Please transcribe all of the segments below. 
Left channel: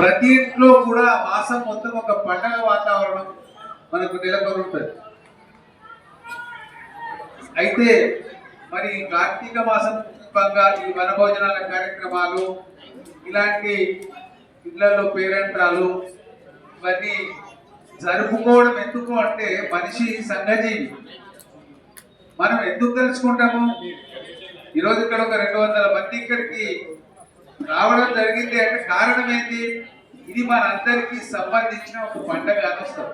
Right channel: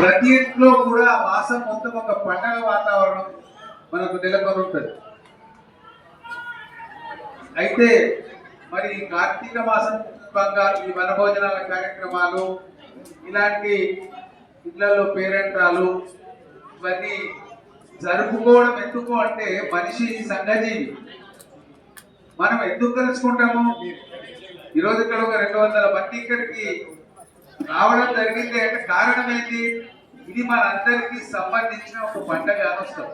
ప్రతి ఇంట్లో కూడా మాసం మొత్తం ఒక పండగ వాతావరణం మనకు నెలకొనుంటుంది. అయితే మరి కార్తీక మాసం సందర్భంగా ఈ వనభోజనాల కార్యక్రమాలు ఇలాంటి ఇళ్ళలో పేరెంటాలు ఇవన్నీ జరుపుకోవడం ఎందుకు అంటే మనిషి సంఘజీవి. మనం ఎందుకు తెలుసుకుంటాము? ఈరోజు ఇక్కడ ఒక రెండు వందల మంది ఇక్కడికి రావడం జరిగింది అంటే కారణం ఏంటి ఇది మనందరికీ సంబంధించిన ఒక పండగ అని వస్తారు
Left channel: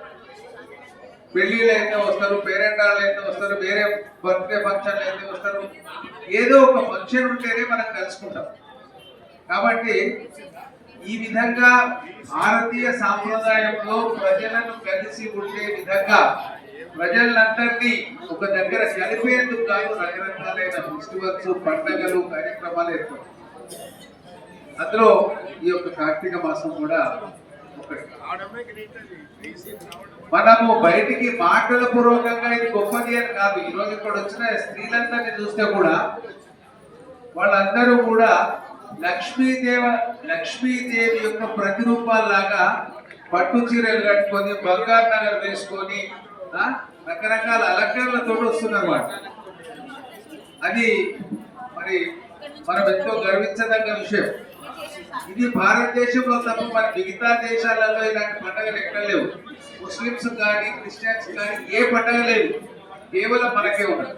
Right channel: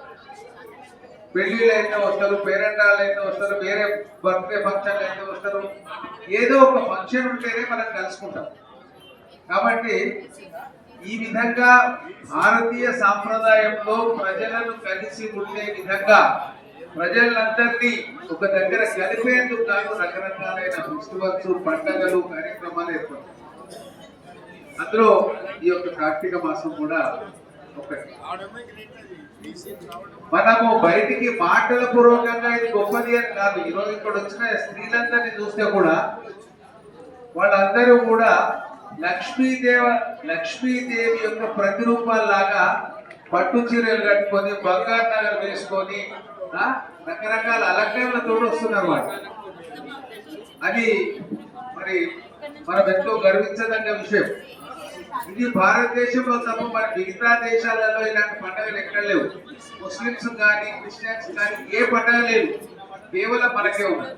పెళ్ళిళ్ళు అయితే వస్తారు పేరెంటాలు అయితే వస్తారు వేరే బర్త్డే ఫంక్షన్లు అయితే వస్తారు. ఏదో ఒక ఫంక్షన్ ఉంటేనే మనం కలుసుకుంటాం. కాబట్టి ఈ విధంగా భారతీయ సాంప్రదాయంలో ప్రజలను కలిసి ఉండే విధంగా ప్రజలందరినీ ఒక దగ్గర కలిపేందుకు కాదు రకరకాలైన ఫెస్టివల్స్ పండగలు కార్యక్రమాలు ఏర్పడతాయి. అందులో ఈ యొక్క కార్తీక మాసం కూడా ఒకటి. మనము బయటికి మాటల పూర్వకంగా ఇది గొప్పది అని కాదు. ఈ రోజు ఇక్కడ వచ్చిన స్త్రీలందరినీ చూస్తే కూడా వాళ్ళందరూ కూడా లక్ష్మీదేవ లక్ష్మీదేవి యొక్క ప్రతిరూపాల్లాగా పట్టు చీరలు కట్టుకొని బంగారు నగలు వేసుకొని రకరకాల అలంకరణలతో వస్తున్నారు వాళ్ళు. అది మరి మనం ఎంతో గర్వించదగ్గ విషయం. ఇది భారతదేశంలో తప్ప మన మిగతా దేశాలలో ఇలాంటి పండుగలు ఎక్కడ లేవు. ముస్లిమ్స్ కానీ క్రిస్టియన్స్ కానీ ఏ పండగ లేదు. కేవలం మనకే ఉన్నది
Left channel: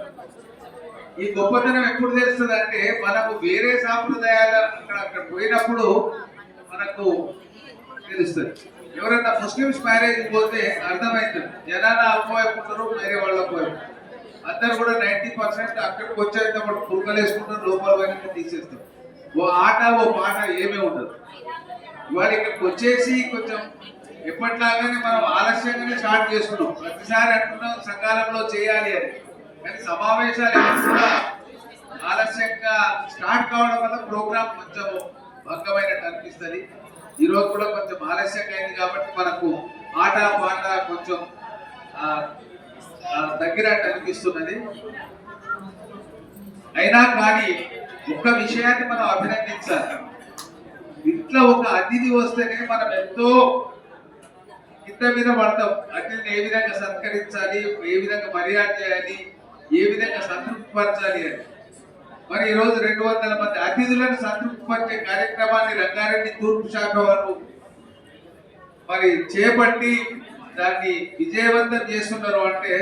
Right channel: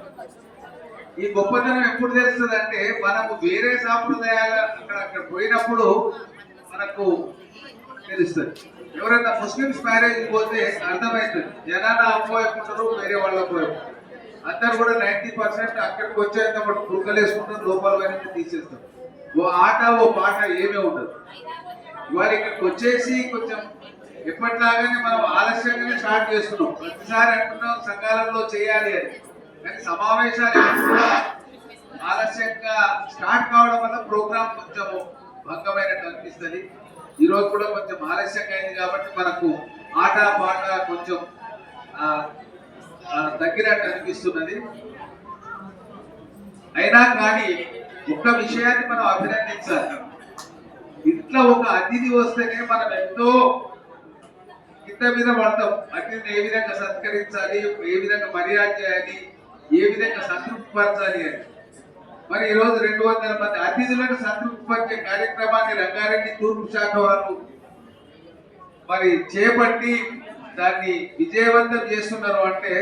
ఈ గొప్పతనం ఎప్పుడు తెలుస్తుంది అంటే మనము వేరే సాంప్రదాయాల అక్కడ అక్కడ పోయినప్పుడు మనకు తెలుస్తుంది. ఎవరైనా ముస్లిమ్స్ మ్యారేజ్ పోతే అర్థమవుతుంది జనాల అపోయకుంటారు వేరే వాళ్ళ అపోయం అందరు కూడా నైంటీ పర్సెంట్ అక్కడికి వచ్చేంత కూడా కుక్కలు వేసుకుంటారు లోపల పోయినట్టు తీసేస్తాం ఓ ఆట ఓ పాట ఏమీ ఉండదు. ఇవాళ ఇక్కడికి వచ్చేసి కొంచెం ఎప్పటిలాగానే మనం ఆలస్యంగానే స్టార్ట్ చేసుకున్నాం. ప్రతిసారి అంటున్నాం సకాలంలో చేయాలి అని. కానీ సమావేశాలు కూడా ఆలస్యంగా స్టార్ట్ కావడం వల్ల ప్రోగ్రామ్ కొంచెం భంగమైనట్టు అనిపిస్తుంది. ఈరోజు కూడా కొంచెం ఆలస్యంగా అయింది కాబట్టి మనకు ఆట పాట కొంచెం తగ్గినట్టు అనిపిస్తున్నది. అయినా కానీ ఒక విషయాన్ని మనం అభినందించాలి. ఇట్లా ఒక అతిథి వస్తేనే మనం ఎంతో కింద మీద పడతాం. అతిథిని ఏ విధంగా సత్కరించాలి ఏ విధంగా మర్యాద చేయాలి ఏ విధంగా సంతృప్తిపరచాలి అని. మరి ఈరోజు రెండు వందల మంది అతిథులను సంతృప్తిపరిచే కార్యక్రమాన్ని రంగారెడ్డి తూర్పు శాఖ వారు మరి చేపట్టి దాన్ని విజయవంతం చేస్తున్నారు అంటే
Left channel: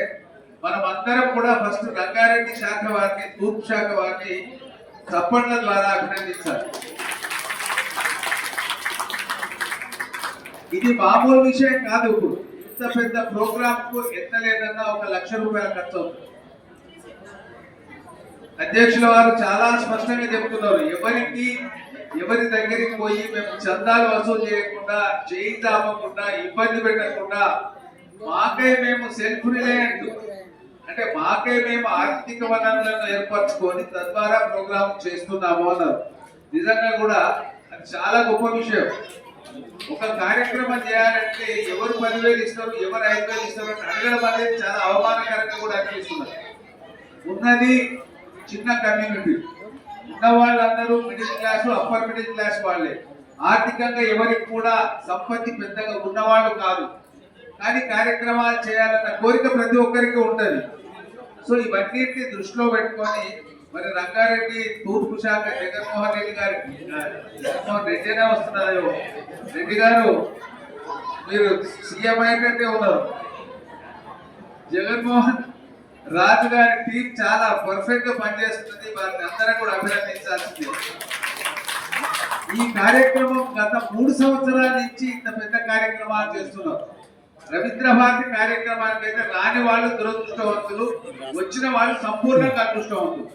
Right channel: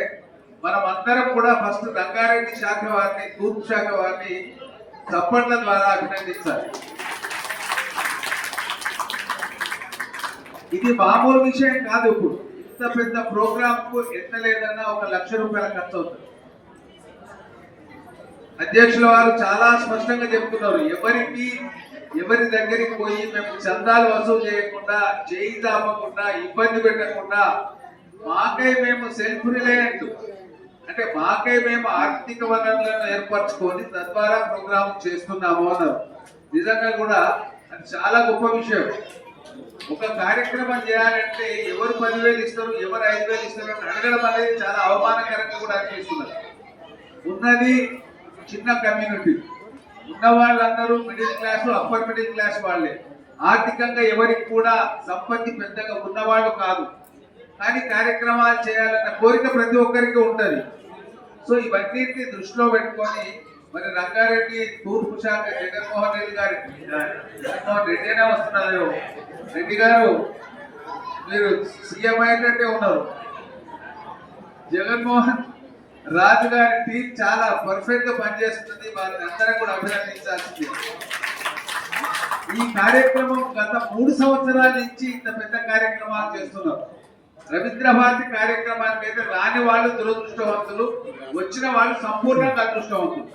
మనం అందరం కూడా ఫస్ట్ రంగారెడ్డి శాఖ వారిని తూర్పు శాఖ వారిని చప్పట్ల ద్వారా అభినందించాలి. ఇది మామూలు విషయం కాదు ఇప్పుడు. ఇంత పెద్ద ప్రోగ్రామ్కు ఎంత లేదన్నా ఒక లక్ష రూపాయల ఖర్చు అవుతుంది. అధ్యక్షుల వారు చాలా స్పష్టంగా చెప్తున్నారు. ఎవరికి ఎవరి దగ్గరికి పోయి మేము చందాలు వసూలు చేయకుండా చేయి తాపకుండా ఇబ్బంది పెట్టకుండా మాకై మేము సెల్ఫ్ రిలయంట్. అంటే మాకే మేము ఆర్థిక వనరులను ఏర్పరచుకొని తద్వారా ప్రోగ్రామ్ చేస్తున్నాము అన్నారు. నిజంగా కూడా అది చాలా గొప్ప విషయం. ఒక కార్యక్రమం చేయాలంటే ఎవరు పదివేలు ఇస్తారు ఎవరు ఐదు వేలు ఇస్తారు అని అడగడం అనేది చాలా అవమానకరంగా కూడా అనిపిస్తున్నారు ఉన్నది చిన్న కమ్యూనిటీ. ఉన్న వాళ్ళందరూ middle class upper middle class వాళ్ళే. ఆర్థికంగా ఎవరికి కూడా సంపత్తి పెద్దగా ఉన్నవాళ్ళు కాదు. కానీ కార్యక్రమాలు చేయాలన్న కోరిక ప్రతి ఒక్కరికి ఉంటుంది. సో ఇవన్నిటిని దృష్టిలో పెట్టుకొని మరి రంగారెడ్డి తూర్పు శాఖ జగన్మోహన్ రెడ్డి గారి రెడ్డినే వస్తున్నారు. రెడ్డి గారు మీరు సీఎం అయినట్టే ఉన్నారు. జగన్మోహన్ రాజు గారి టీం చాలా పర్ఫెక్ట్గా పనిచేస్తుంది. వారిని అందరం కూడా అభినందించాల్సింది. ఈ కార్యక్రమం గత మూడు సంవత్సరాల నుంచి ఇంత పెద్ద కార్యక్రమాలు చేస్తున్నారు. రవీంద్ర భారతి కార్యక్రమానికి అయితే రాని వాళ్ళు దురదృష్టవంతులు వచ్చిన వాళ్ళు సంపూర్ణంగా అదృష్టవంతులు.